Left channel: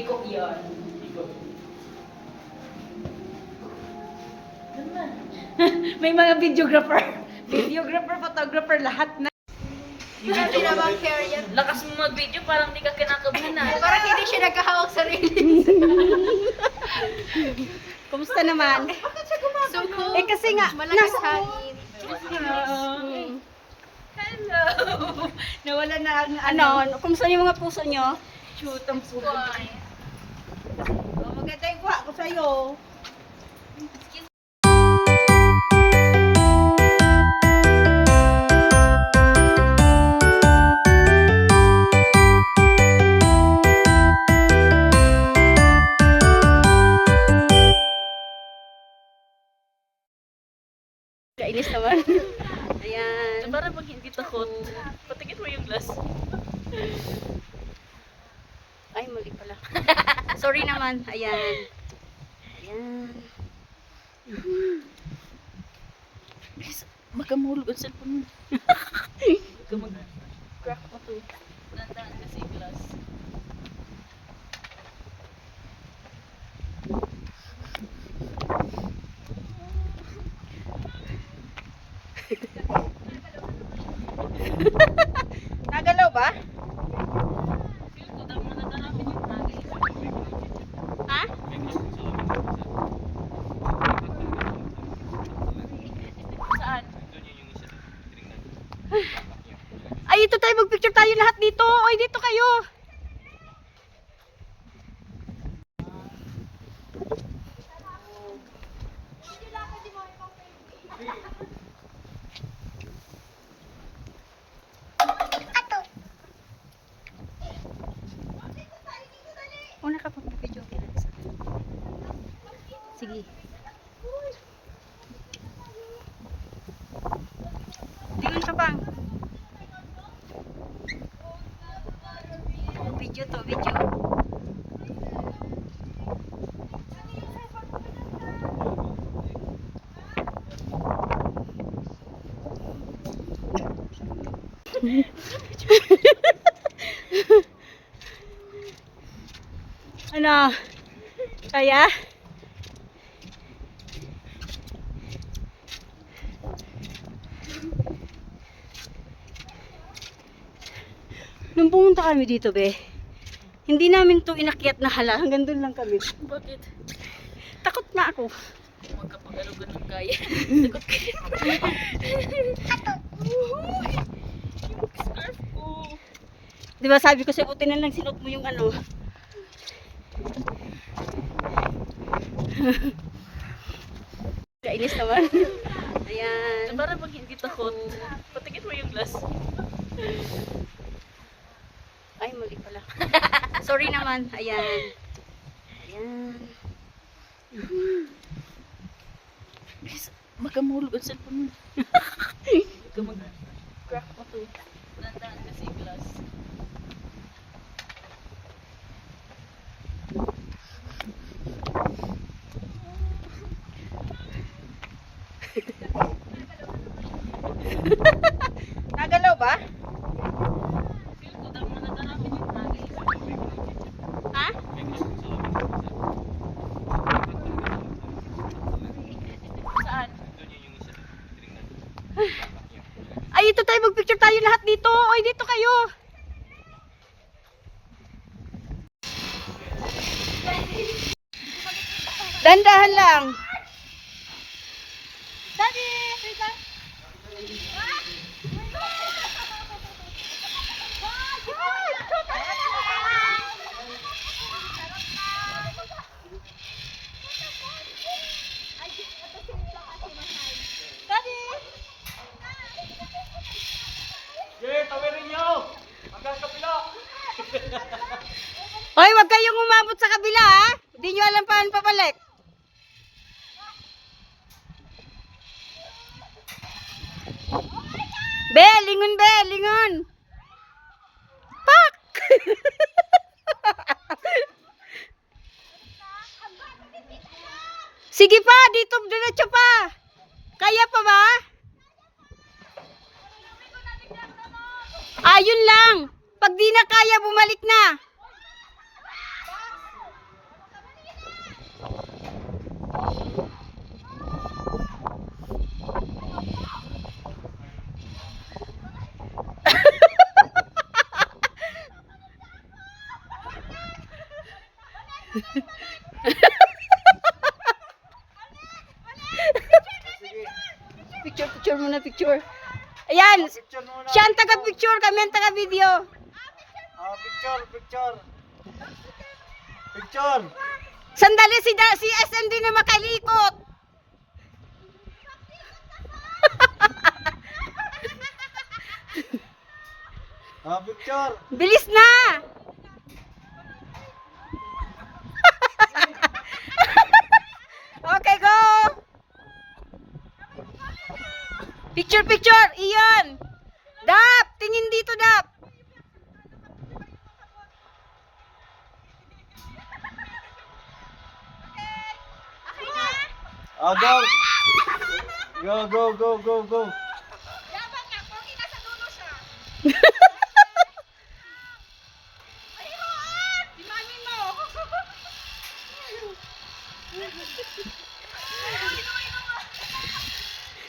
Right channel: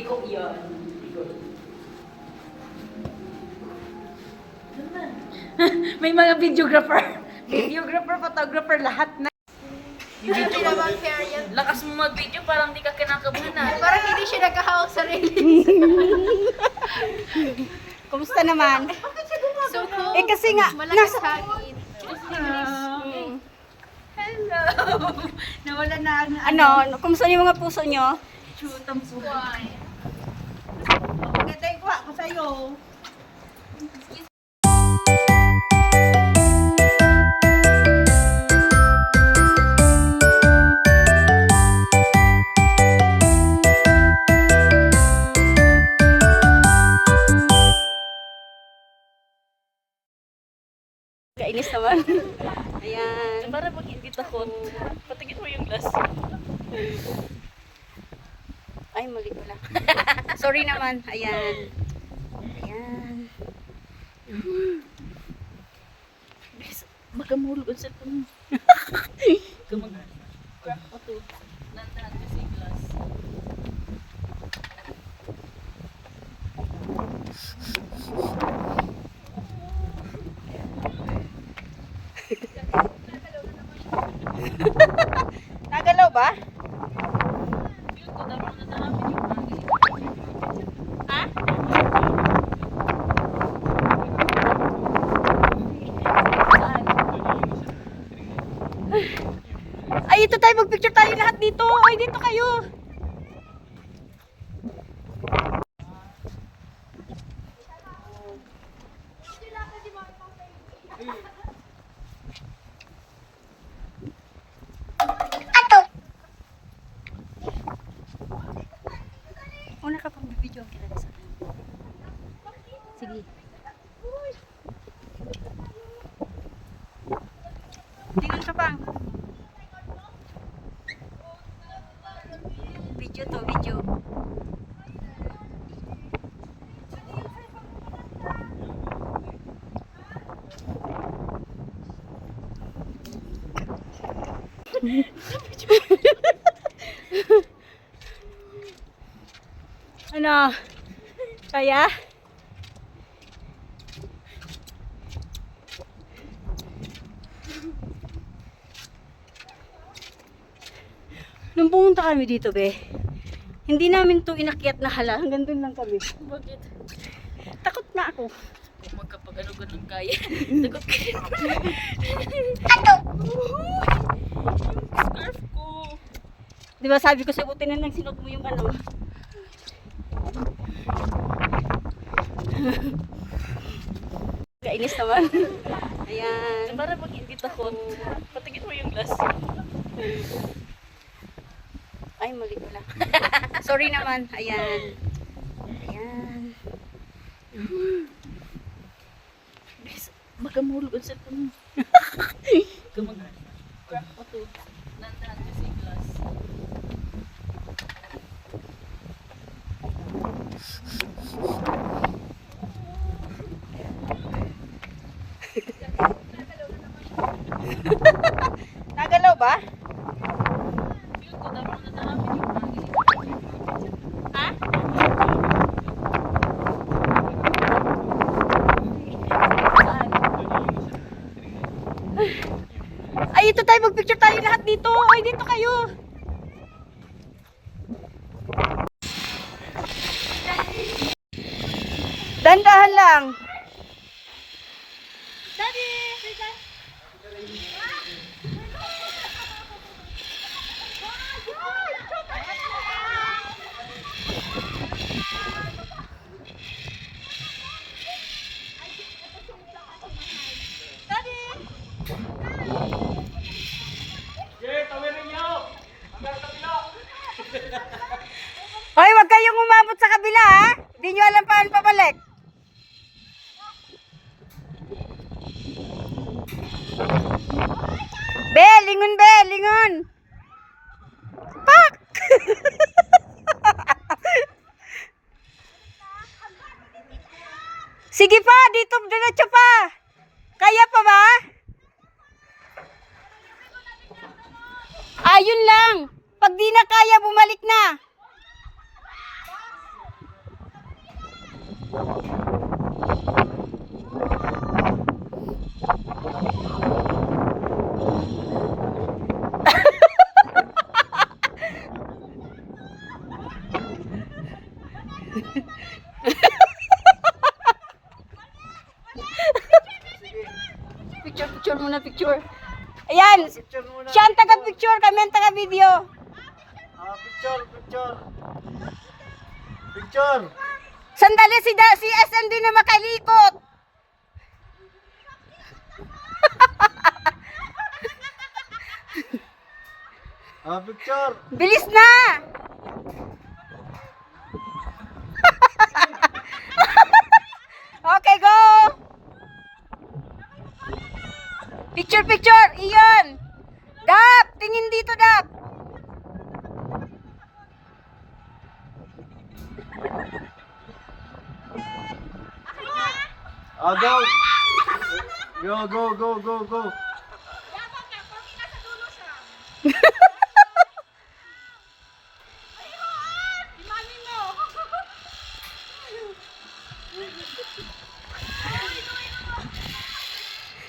Hindi ko iyan. May mga videographer, photographer, lahat na. Hindi naman care yan. Lakas mo mag-video, parang di ka kinakabahan. Parang hindi siya nagkahawak sa railing. Kumusta naman? So cool. Eh kasi nga, Malakas hangin. Hello! Nawala na ang kumusta yung mga puso nyo? shoot ang sugat. Maganda yung kuha ko sa'yo. Kainis naman. Ayan. Para pag hindi takot, patingin mo yung glass. Ay, mali pala. Sorry naman. Ayan. Ayan. Baka mahulog ang cellphone mo. Baka mag-crack pa to. Nandahan kasi glass. Nagalaw ba? Feel ko dapat nadalapin yung bagay. Ha? Saan? Ay, ito tayo. Mag-picture tayo lahat dito. Ay, dito kayo. Una ka pang video kila sa. Sige. Tingin ka bang? Video to, video. Ano? Kaya? Nung pumunta kami dito, be, hindi namin to inakyat na hala. Hanggang doon lang kami. Bakit? Takot na ako. Kung magkapag-ano ganun kaya. Takot ka. Yung scarf ko. Di ba sabi ko sa buti na lang sinuot mo yung ano. Kainis naman. Ayan. Para pag hindi takot, patingin mo yung glass. Ay, mali pala. Sorry naman. Ayan. Ayan. Baka mahulog ang cellphone mo. Baka mag-crack pa to. Nandahan kasi glass. Nagalaw ba? Feel ko dapat nadalapin yung bagay. Ha? Saan? Ay, ito tayo. Mag-picture tayo lahat dito. Ay, dito kayo. Dandahan lang. Daddy, wait lang. Hoy, wag kayong umabot sa kabila, ha? Hindi nyo alam paano papalik. Be, lingon be, lingon. Pak! Sige pa, dito diretso pa. Kaya pa ba? Ayun lang. Pag di na kaya, bumalik na. Picture muna, picture. Ayan, Picture muna. siya ang taga-picture, kami ang taga-video. Picture, picture. Picture. Sandali, si SMD na makalikot. Picture. Bilis na! Okay, go! Picture, picture! Iyon! Dap! Tingin dito, Dap! Go. Go, go, go, go, go.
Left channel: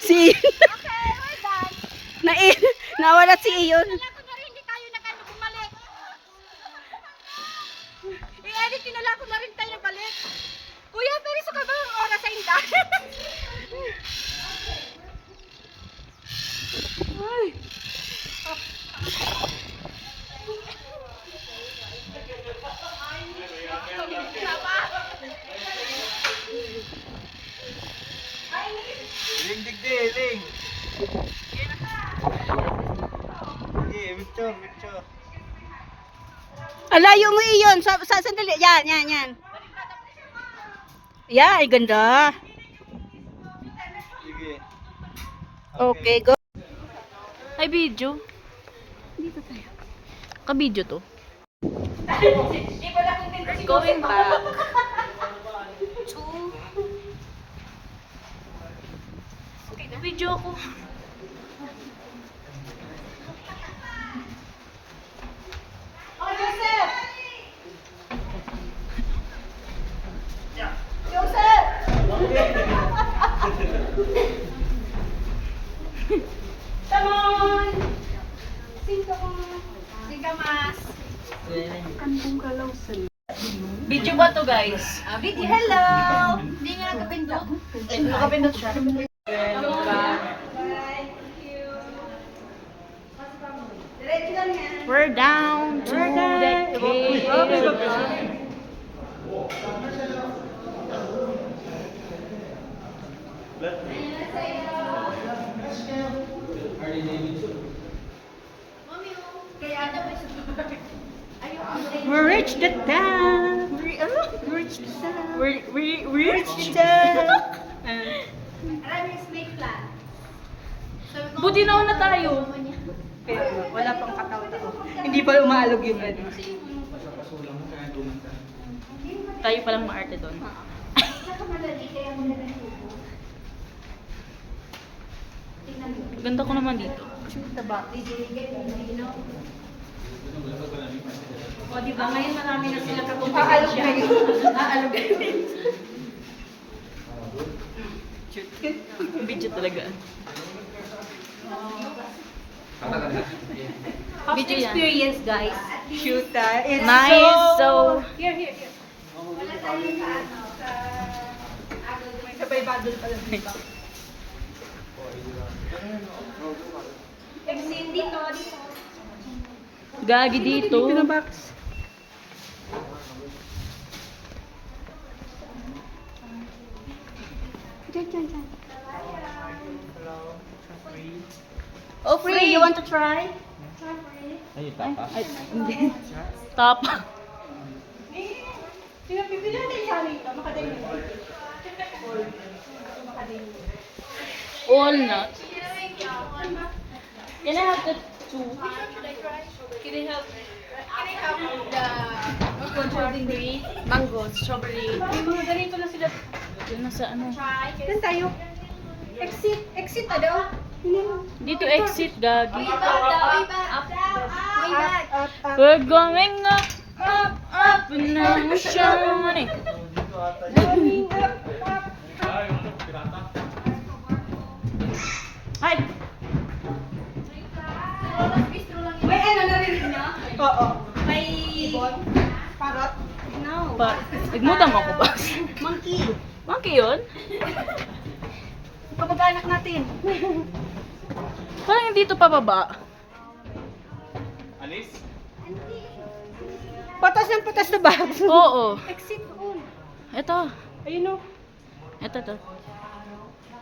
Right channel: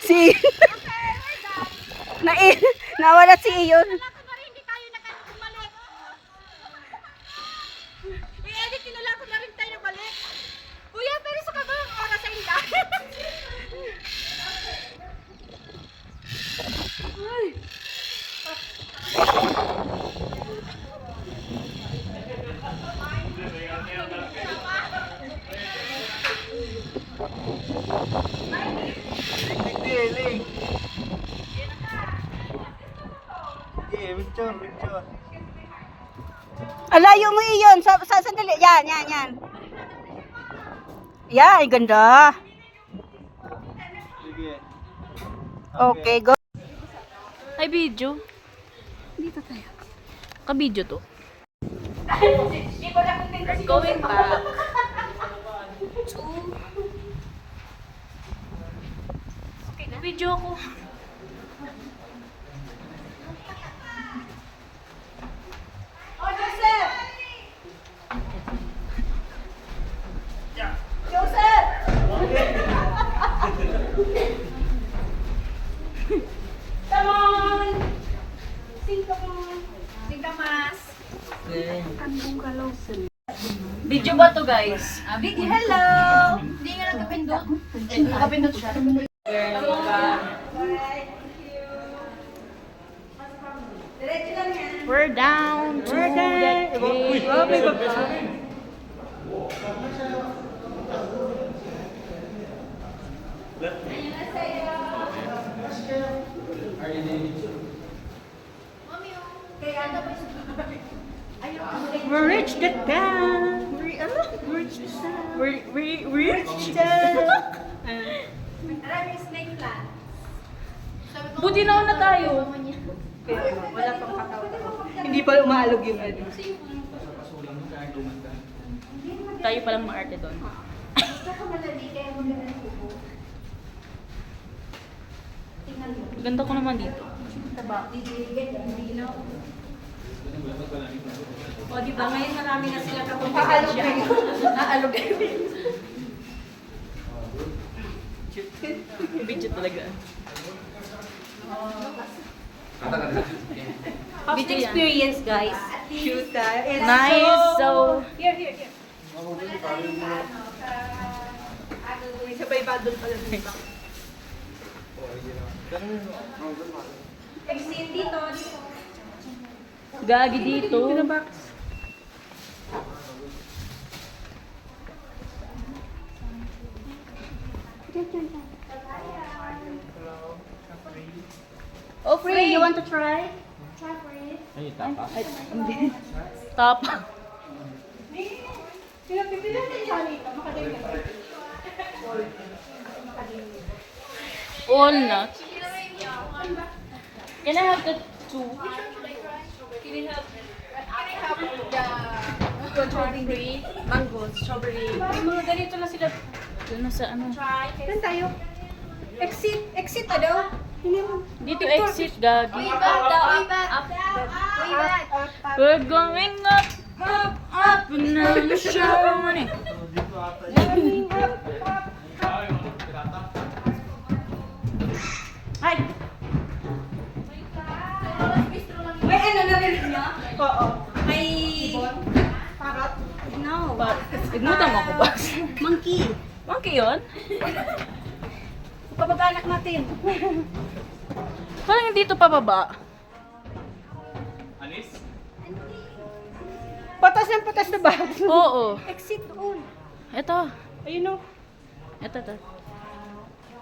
Si... Nawala si Iyon. Hindi tayo bumalik. I-edit ko na lang kung na rin tayo balik. Kuya, pero sa kabang oras sa inda. Ling. Sige, picture, picture. Alayo mo Iyon. Sandali. Yan. Yan, ay ganda. Sige. Okay, go. Ay, video. Dito tayo. Ka-video to. We're going back. Okay, na-video ako. Oh, Joseph! Joseph! Come on! Sing, come on. Tingka mas. Video ba to, guys? Video, hello! Hindi nga nakapindot. Nakapindot siya. We're down to the cave. We reached the town. We reached the Alam yung snake plant. Sabi ko, Buti nauna tayo. Wala pang katawan. Hindi pa umaalog yung ano. Tayo palang maarte doon. Ganda ko naman dito. O, di ba ngayon marami na sila kapag aalog kayo. Aalog kayo. Video talaga. How's the experience, guys? Shoot, it's Nice. So, Here. May sabay paddle pala dito. Exit dito. gagi dito. Oh, free. You want to try? Top. Walnut. Can I have the two? Strawberry, mango, strawberry. May mga ganito na sila. Yun na sa ano. Saan tayo? Exit ano? Dito exit, gagi. Way back. We're going up, and I'm sure money. Ay! May ano narinig niyo? Oo. May... Parrot? No. Nagmutam ako, boss. Monkey. Monkey yun? Kapag-anak natin. Parang dito pababa. Alis? Patas ng patas na ba? Oo. Exit on. Ito. Ayun o. Ito.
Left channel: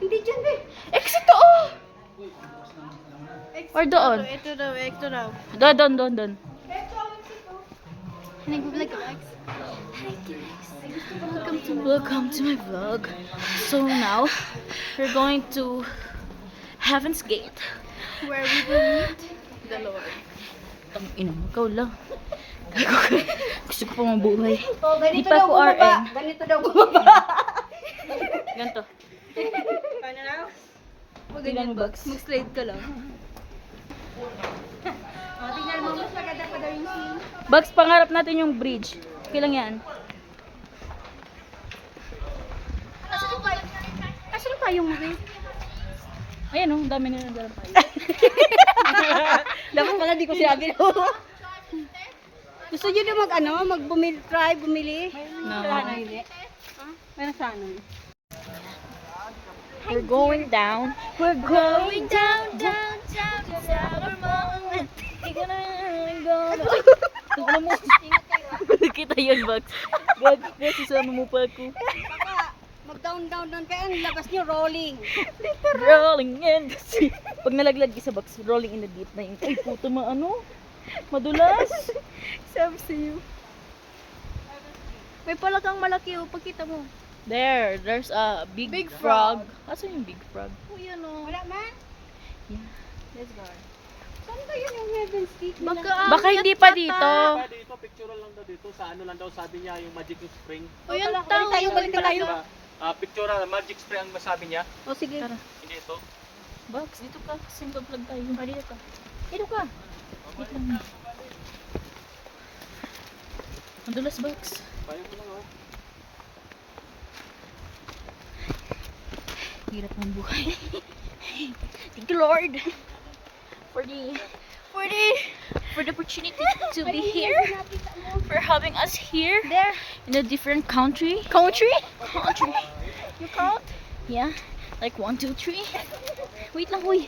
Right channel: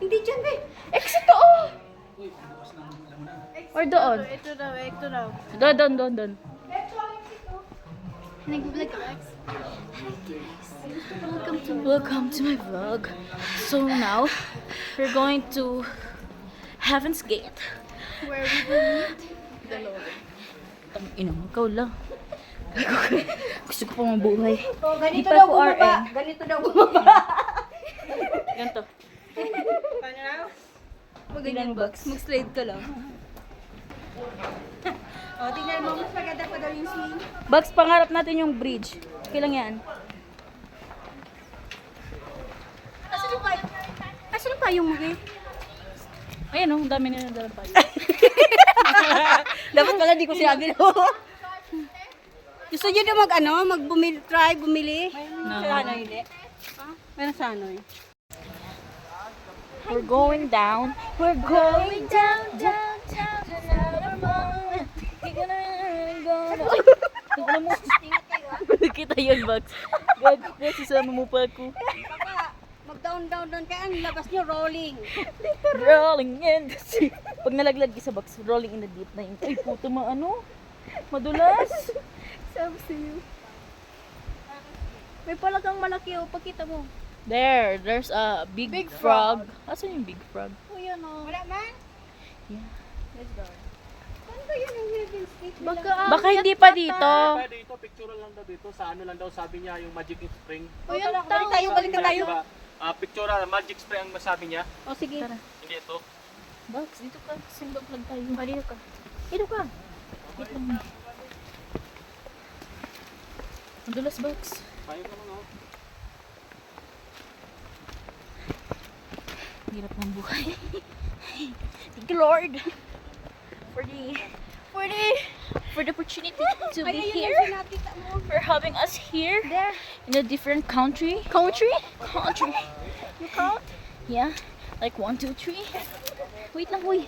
Hindi dyan eh. Exit to, oh! Or doon? Ito daw. Doon. Welcome to my vlog. So now, we're going to Heaven's Gate. Where we will meet the Lord. Ang ina mo, ikaw lang. Gusto ko pa mabuhay. Oh, Di ganito pa daw ako bumaba. RN. Ganito daw bumaba. Ganto. Paano na? Ilang bucks? Mag-slide ka lang. O, tingnan mo. Mas maganda pa daw yung scene. Bucks, pangarap natin yung bridge. Okay lang yan. Asan pa yung movie? Ayan oh, ang dami na nadalang pa. Dapat pala di ko sinabi no. Gusto niyo na try bumili? No. Hindi. Meron sa ano eh. We're going down. We're going down. Ingat kayo ah. Kita yun, Bucks. Gag, sasama mo pa ako. Mag-down kaya ang labas niyo rolling. Rolling in the sea. Pag nalaglag isa, Bucks, rolling in the deep na yung, ay puto madulas. Sabi sa'yo. May palagang malaki oh, pagkita mo. There's a big frog. Asan yung big frog? Oh, yan oh. Wala man? Yeah. Let's go. Saan ba yun yung Heaven's Gate? Baka hindi pa dito. Dito, picture lang daw dito. Sa ano lang daw sabi niya, yung Magic Spring. Oh, yan Balik tayo. Diba? Picture, Magic Spring ang masabi niya. O sige. Tara. Hindi ito. Bucks, dito ka. Single vlog tayo. Dito ka. Dito ka. Wait lang, may. Madulas, Bucks. Tayo mo lang oh. Hirap ng buhay. Thank you, Lord, for the opportunity to be here, for having us here in a different country. Country. You count? Yeah. Like 1, 2, 3. Wait lang, uy.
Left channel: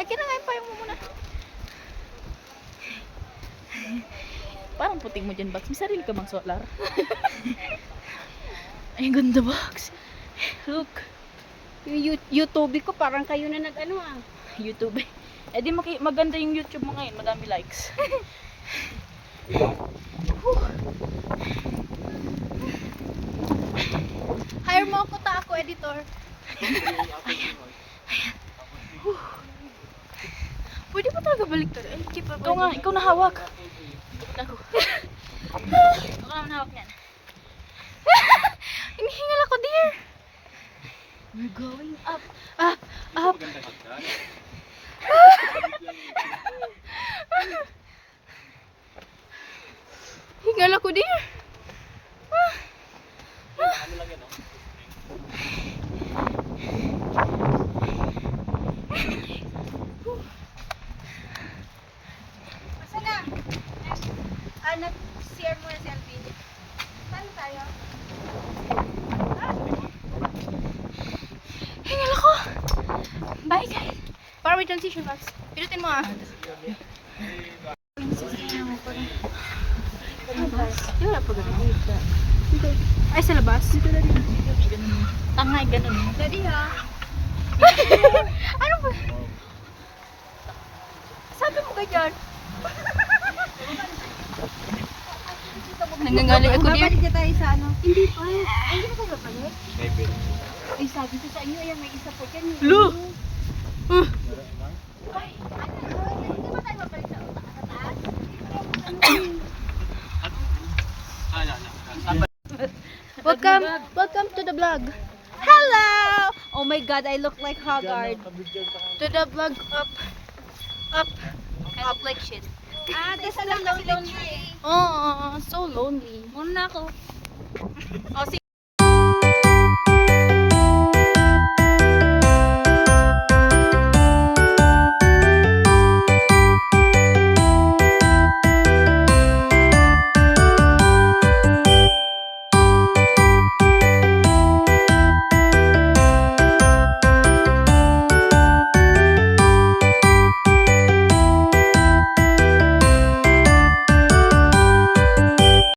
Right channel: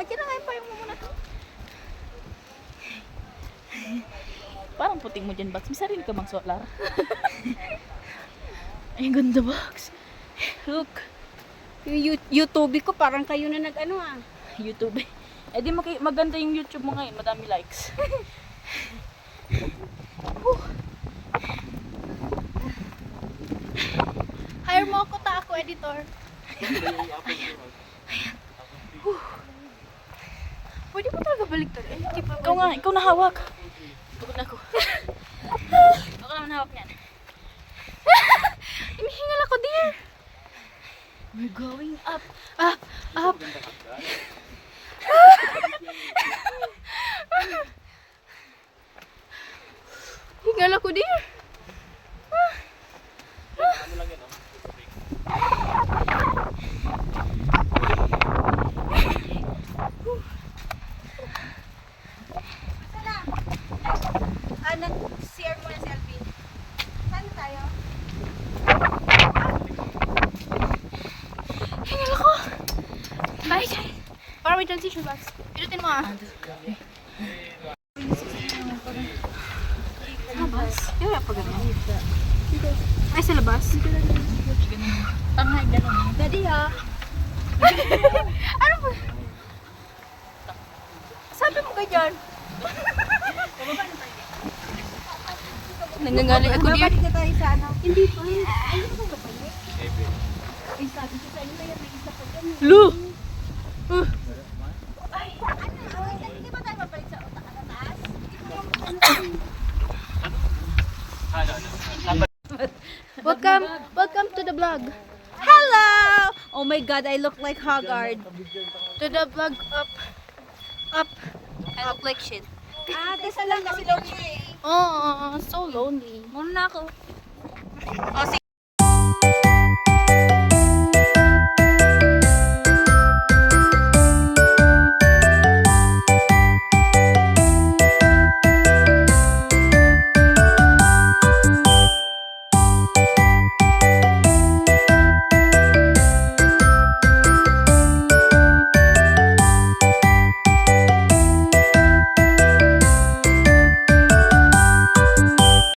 Nagkinangayin pa yung muna. Parang puting mo dyan, Bucks. May sarili ka bang solar? Ay, ganda, Bucks. Look. Yung YouTube ko parang kayo na nag-ano ah. YouTube. Eh di maganda yung YouTube mo ngayon, madami likes. Hire mo ako ta ako, editor. Pwede ko talaga baliktad. Ay, di pa Ikaw na hawak. Pagod ako. Ako naman hawak niyan. Hinihingal ako din. We're going up. Hingal ako din. Ano lang yan oh. Ano, share mo yung selfie. Saan tayo? Hingal ako. Bye, guys. Para may transition box. Pinutin mo ah. Di wala pa ganun. Ay, sa labas. Tanga, ganun. Daddy ha. Ano ba? Sabi mo ganyan. Nangangaling ako din. Babalik na tayo sa ano. Hindi pa. Ay, hindi ko babalik. Maybe. Ay, sabi ko sa inyo, ayan, may isa pa dyan. Lu! Hindi ba tayo mabalik sa mataas? Welcome to the vlog. Hello! Oh my God, I look like Haggard. To the vlog up. Up like shit. Ah, tesa lang kasi lonely eh. Oh, so lonely. Muna na ako. Oh,